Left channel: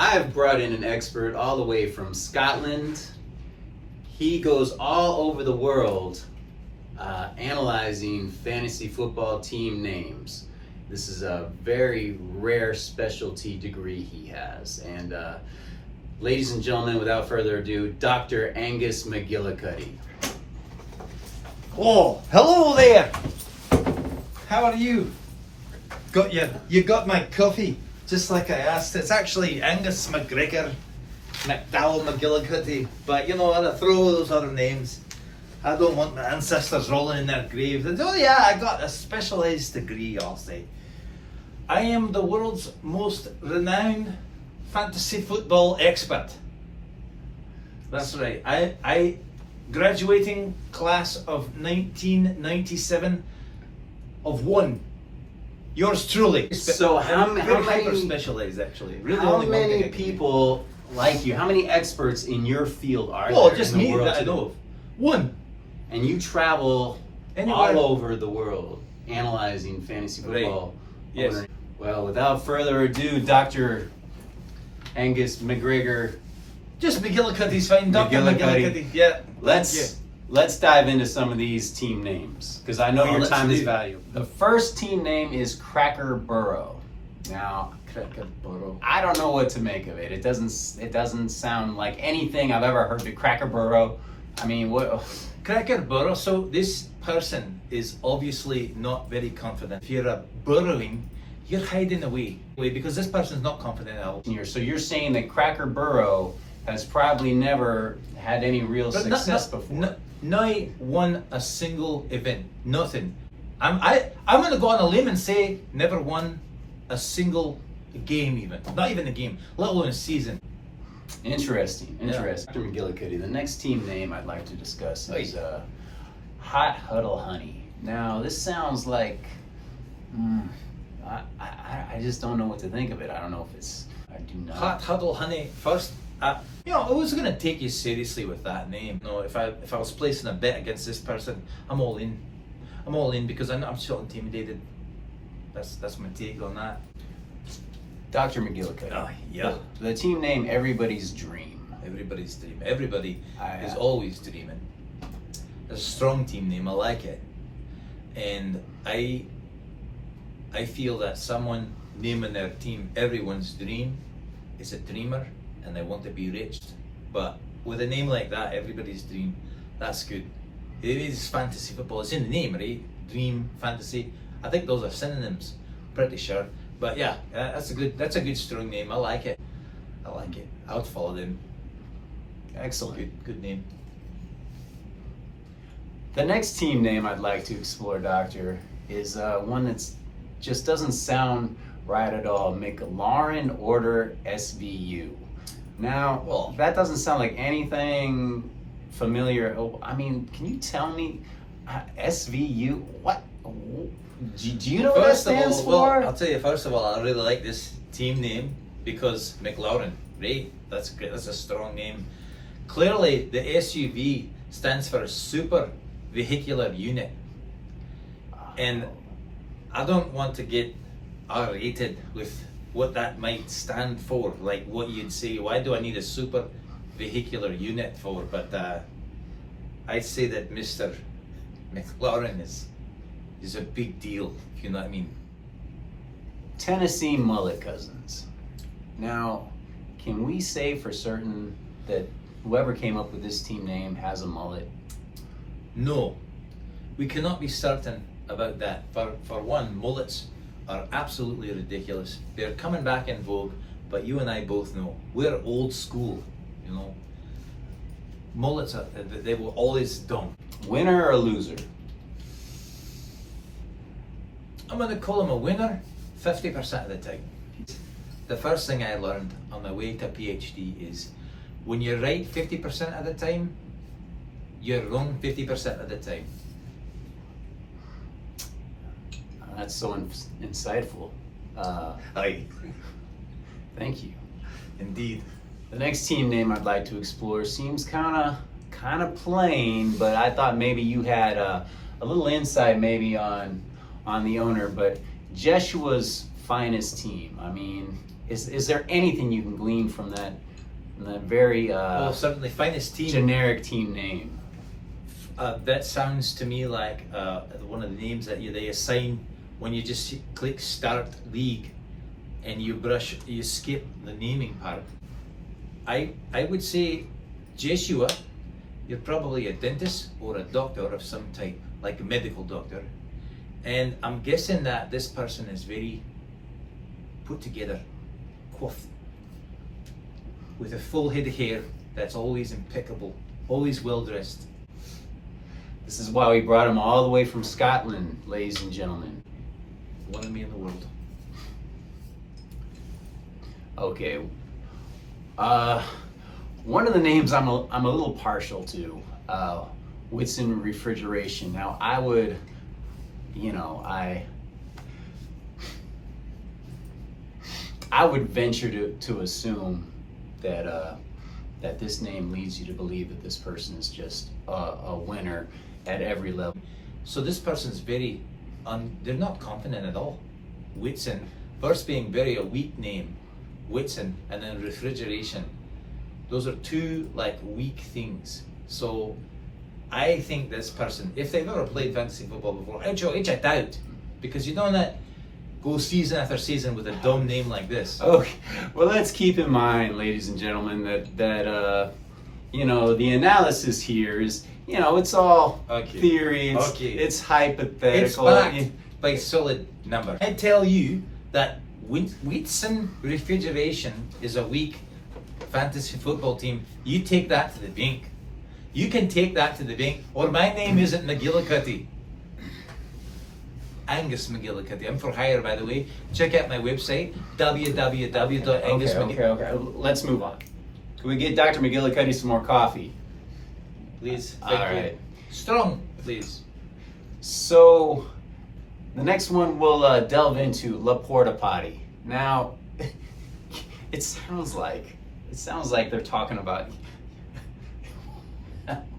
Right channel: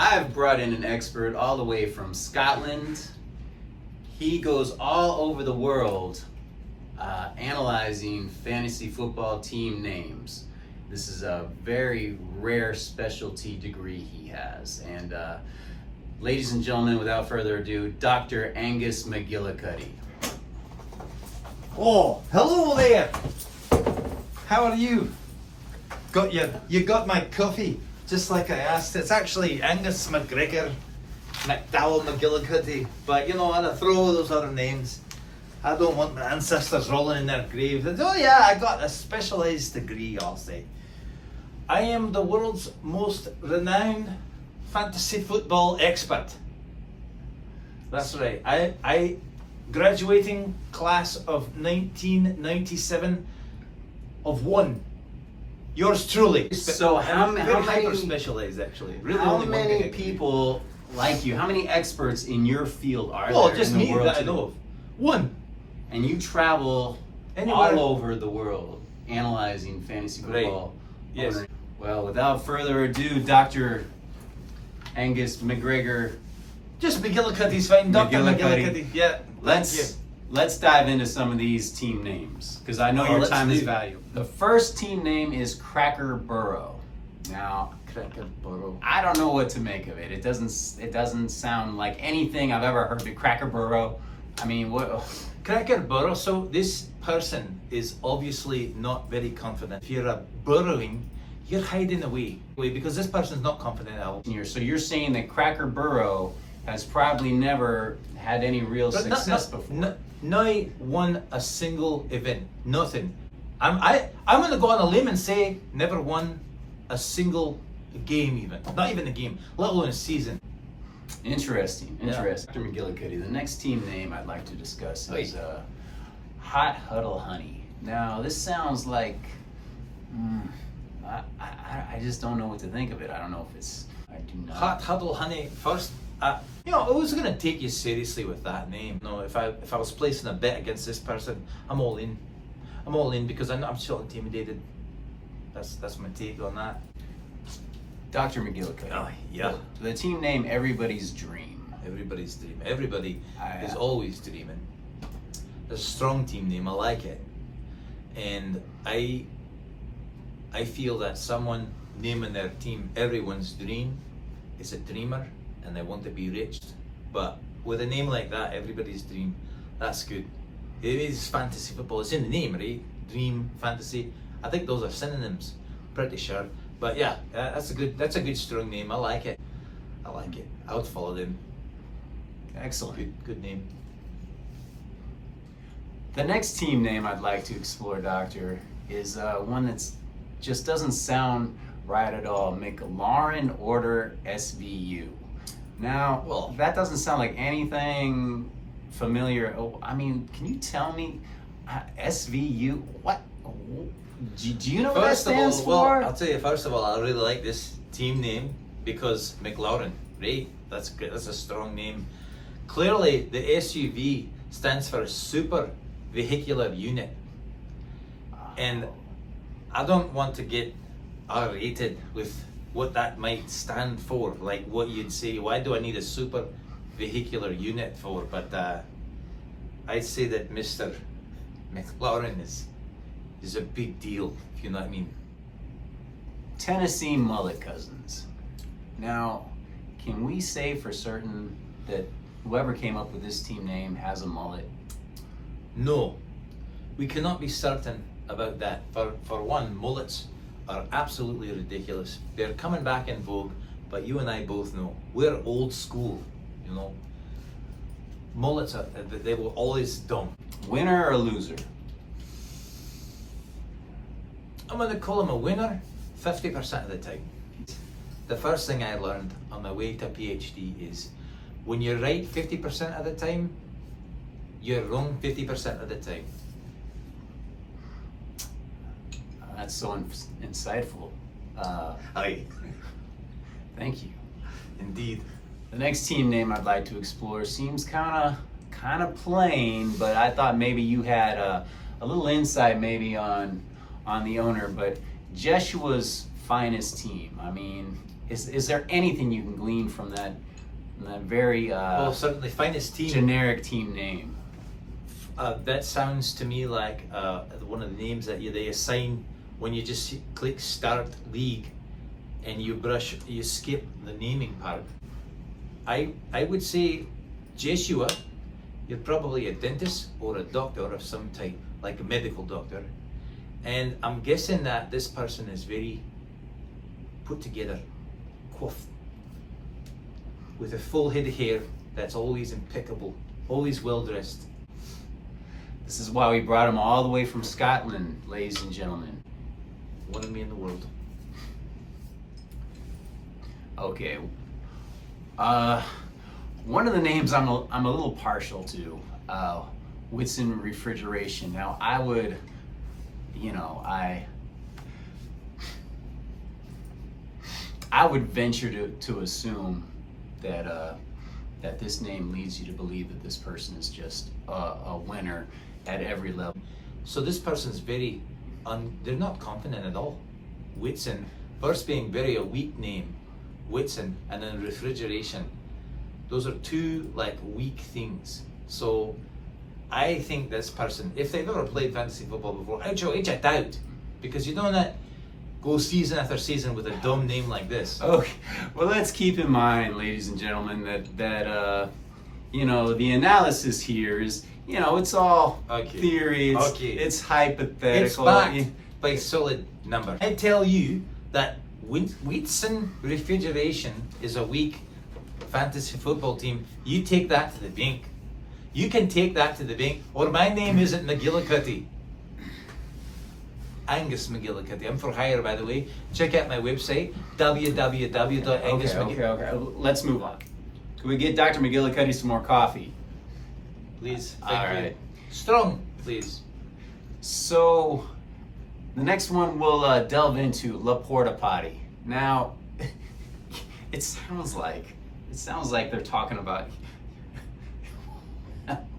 I've brought in an expert all the way from Scotland. He goes all over the world analyzing fantasy football team names. This is a very rare specialty degree he has. And ladies and gentlemen, without further ado, Dr. Angus McGillicuddy. Oh, hello there. How are you? You got my coffee, just like I asked. It's actually Angus McGregor, McDowell McGillicuddy, but you know, I throw those other names. I don't want my ancestors rolling in their grave. Oh yeah, I got a specialised degree, I'll say. I am the world's most renowned fantasy football expert. That's right. I graduating class of 1997 of one. Yours truly. So how hyper many specialized actually? Really how only one many thing. people like you? How many experts in your field are Oh, there just in the me world that I today? know of. One. And you travel Anywhere. all over the world analyzing fantasy Right. football. Yes. Well, without further ado, Dr. Angus McGregor, Just McGillicuddy's fine. Dr. McGillicuddy. McGillicuddy. Yeah. let's dive into some of these team names because I know Oh, your let's time is do. valuable. The first team name is Cracker Burrow. Now, Cracker Burrow. I don't know what to make of it. It doesn't sound like anything I've ever heard of Cracker Burrow. I mean, what? Cracker Burrow. So this person is obviously not very confident. If you're burrowing, you're hiding away because this person's not confident at all. So you're saying that Cracker Burrow has probably never had any real But success before. Not won a single event. Nothing. I'm going to go on a limb and say never won a single game even. Not even a game, let alone a season. Interesting. Dr. McGillicuddy, the next team name I'd like to discuss is Hot Huddle Honey. Now, this sounds like, I just don't know what to think of it. I don't know if it's, I do not. Hot Huddle Honey. First, I was going to take you seriously with that name. No, if I was placing a bet against this person, I'm all in. I'm all in because I'm still intimidated. That's my take on that. Dr. McGillicuddy. Oh, yeah. The team name Everybody's Dream. Everybody's dream. Everybody is I- always dreaming. It's a strong team name. I like it, and I feel that someone naming their team Everyone's Dream is a dreamer, and they want to be rich. But with a name like that, Everybody's Dream, that's good. It is fantasy football. It's in the name, right? Dream, fantasy. I think those are synonyms. Pretty sure. But yeah, that's a good strong name. I like it. I would follow them. Excellent. Good name. The next team name I'd like to explore, Doctor, is one that's just doesn't sound right at all. McLaurin Order SVU. Now, Well- that doesn't sound like anything familiar. Oh, I mean, can you tell me SVU? What? Do you know what that stands for? Well, I'll tell you. First of all, I really like this team name because McLaurin, right? That's great. That's a strong name. Clearly, the SUV stands for Super Vehicular Unit, and I don't want to get R-rated with what that might stand for. Like what you'd say, why do I need a Super Vehicular Unit for? But I'd say that Mr. McLaurin is a big deal, if you know what I mean. Tennessee Mullet Cousins. Now, can we say for certain that whoever came up with this team name has a mullet? No, we cannot be certain about that. For one, mullets are absolutely ridiculous. They're coming back in vogue, but you and I both know we're old school, you know. Mullets they were always dumb. Winner or loser? I'm going to call him a winner 50% of the time. The first thing I learned on my way to PhD is when you're right 50% of the time, you're wrong 50% of the time. That's so insightful. Aye, Thank you. indeed. The next team name I'd like to explore seems kind of plain, but I thought maybe you had a little insight maybe on the owner. But Jeshua's Finest Team. I mean, Is there anything you can glean from that very Well, certainly finest team. generic team name? That sounds to me like one of the names that they assign when you just click Start League and you skip the naming part. I would say, Joshua, you're probably a dentist or a doctor of some type, like a medical doctor. And I'm guessing that this person is very put together, coiffed, with a full head of hair that's always impeccable, always well dressed. This is why we brought him all the way from Scotland, ladies and gentlemen. One of me in the world. Okay. One of the names I'm a little partial to, Whitson Refrigeration. Now I would, I would venture to assume that this name leads you to believe that this person is just a winner at every level. So this person's very, they're not confident at all. Whitson, first being very a weak name, Whitson, and then refrigeration. Those are two like weak things. So I think this person, if they've ever played fantasy football before, which I doubt, because you don't go season after season with a dumb name like this. Okay, well, let's keep in mind, ladies and gentlemen, that the analysis here is, it's all theory, it's hypothetical. It's backed by solid number. I tell you that Whitson Refrigeration is a weak fantasy football team. You take that to the bank. You can take that to the bank. Or my name isn't McGillicuddy. Angus McGillicuddy. I'm for hire, by the way. Check out my website, www.angusmcgillicuddy. Okay. Let's move on. Can we get Dr. McGillicuddy some more coffee? Please. All right. Strong, please. So, the next one we'll delve into La Porta Potty. Now, it sounds like they're talking about.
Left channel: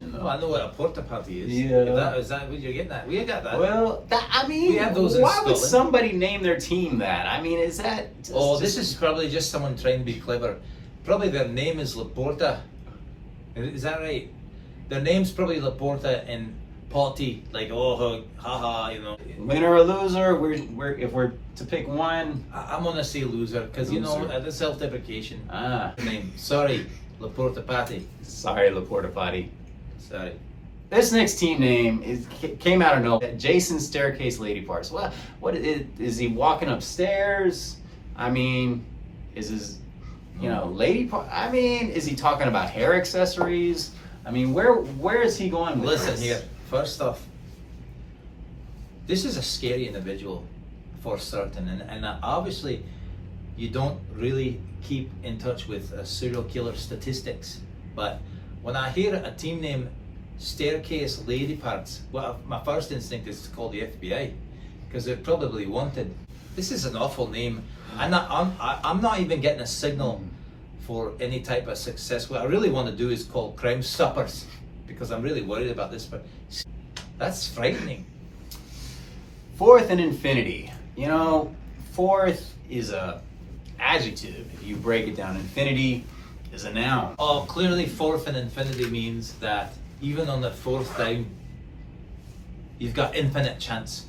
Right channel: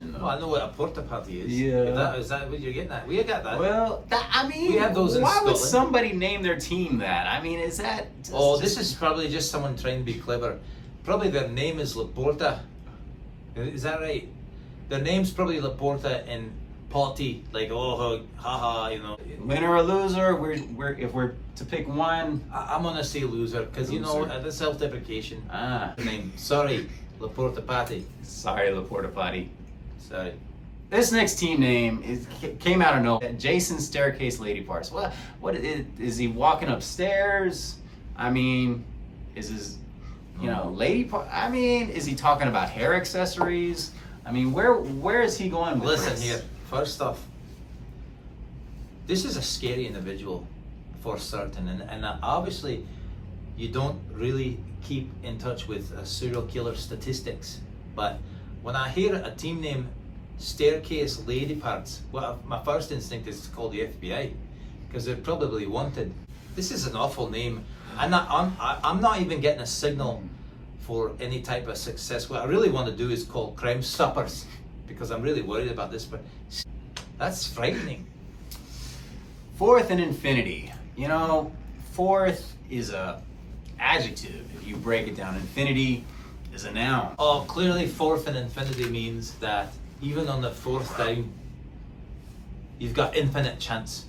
Well, I know what a porta potty is. Yeah. Is that what you're getting at? We got that. Well, we have those in why would Scotland. somebody name their team that? I mean, is that? This is probably just someone trying to be clever. Probably their name is Laporta. Is that right? Their name's probably Laporta and Potty, like haha, Winner or loser? We're if we're to pick one. I'm gonna say loser because the self-deprecation. Name. Sorry, Laporta Potty. Sorry, La Porta Potty. Sorry. This next team name came out of nowhere. Jason Staircase Lady Parts. What is he walking upstairs? I mean, is his lady part? I mean, is he talking about hair accessories? I mean, where is he going with Listen this? here. First off, this is a scary individual for certain, and obviously you don't really keep in touch with serial killer statistics. But when I hear a team name Staircase Lady Parts, well, my first instinct is to call the FBI because they're probably wanted. This is an awful name. I'm not even getting a signal for any type of success. What I really want to do is call Crime Stoppers because I'm really worried about this. But that's frightening. Fourth and infinity. Fourth is a adjective. If you break it down, infinity is a noun. Oh, clearly fourth and infinity means that even on the fourth time, you've got infinite chance.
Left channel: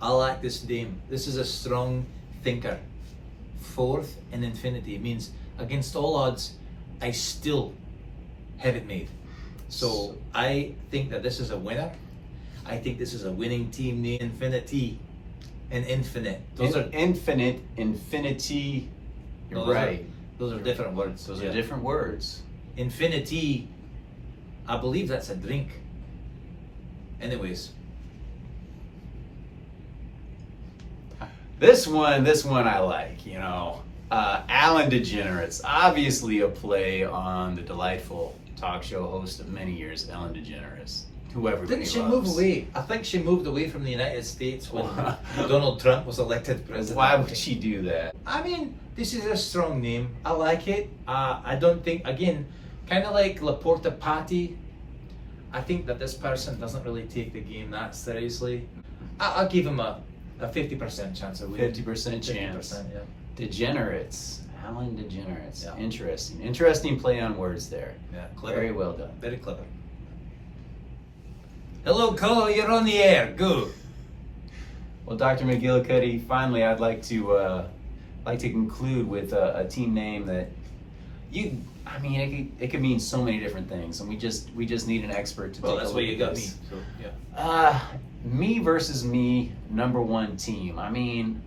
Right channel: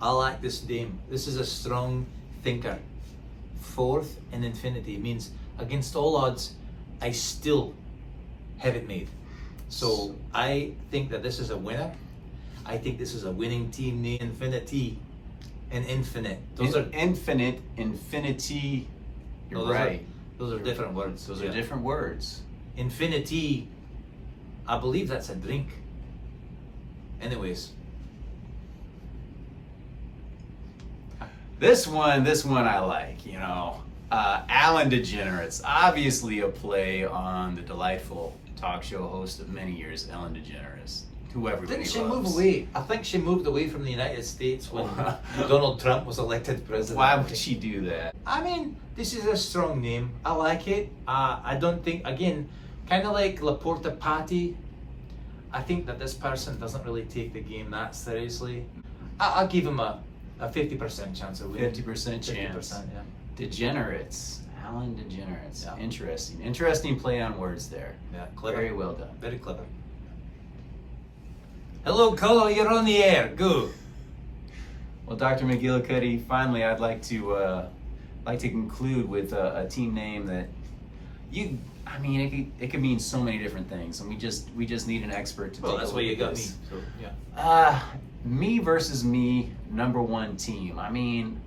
I like this name. This is a strong thinker. Fourth and infinity means against all odds, I still have it made. So I think that this is a winner. I think this is a winning team name. Infinity and infinite. Those are infinite, infinity. You're right. Those are different words. Those are different words. Infinity, I believe that's a drink. Anyways. This one I like, Alan DeGeneres, obviously a play on the delightful talk show host of many years, Ellen DeGeneres, who everybody Didn't she loves. move away? I think she moved away from the United States when Donald Trump was elected president. Why would she do that? I mean, this is a strong name. I like it. I don't think, again, kind of like Laporta Potty, I think that this person doesn't really take the game that seriously. I'll give him a 50% chance of winning. 50% chance. 50%, yeah. Degenerates. Alan Degenerates. Yeah. Interesting. Interesting play on words there. Yeah, clever. Very well done. Very clever. Hello, caller. You're on the air. Go. Well, Dr. McGillicuddy, finally, I'd like to conclude with a team name that it could mean so many different things, and we just need an expert to Well, take that's a why look you at got me. this. So, yeah. Me versus me, number one team. I mean,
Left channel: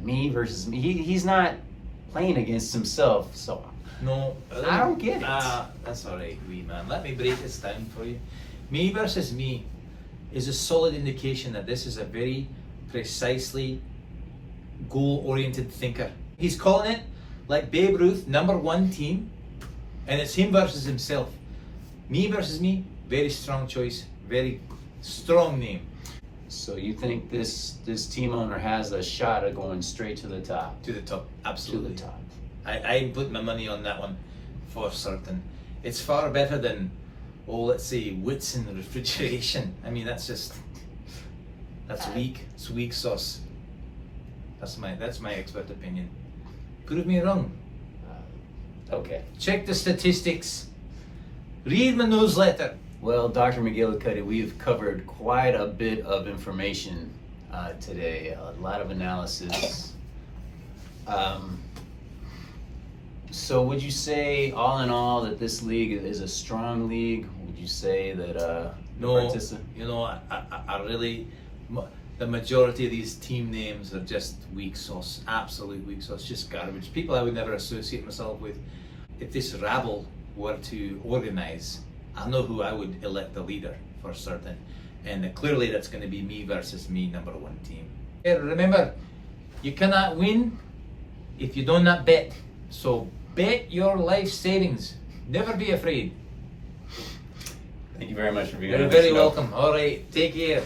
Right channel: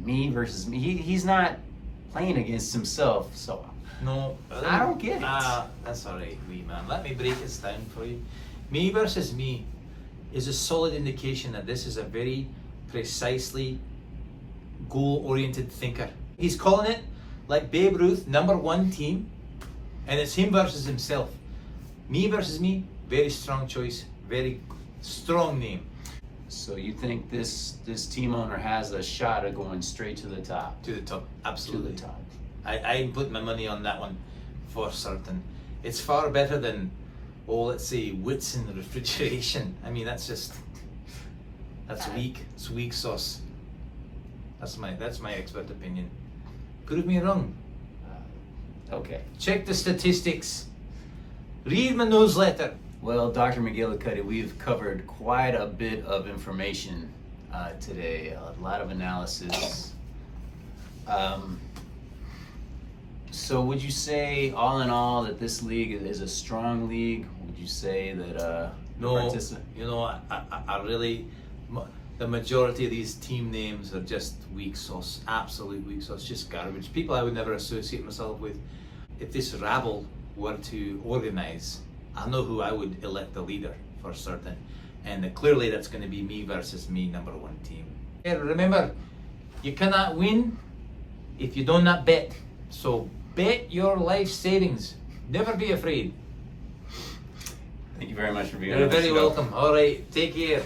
me versus me. He's not playing against himself, so No, I don't get it. That's all right, wee man. Let me break this down for you. Me versus me is a solid indication that this is a very precisely goal-oriented thinker. He's calling it like Babe Ruth, number one team, and it's him versus himself. Me versus me, very strong choice, very strong name. So you think this team owner has a shot at going straight to the top? To the top, absolutely. To the top. I put my money on that one for certain. It's far better than, let's say, wits in the refrigeration. I mean, that's weak. It's weak sauce. That's my expert opinion. Prove me wrong. Okay. Check the statistics. Read my newsletter. Well, Dr. McGillicuddy, we've covered quite a bit of information today, a lot of analysis. So would you say, all in all, that this league is a strong league? Would you say that No, participant? you know, I really, the majority of these team names are just weak sauce, absolute weak sauce, just garbage. People I would never associate myself with. If this rabble were to organise, I know who I would elect the leader for certain, and clearly that's going to be me versus me, number one team. And remember, you cannot win if you do not bet. So bet your life savings. Never be afraid. Thank you very much for being You're on the very show. welcome. All right, take care.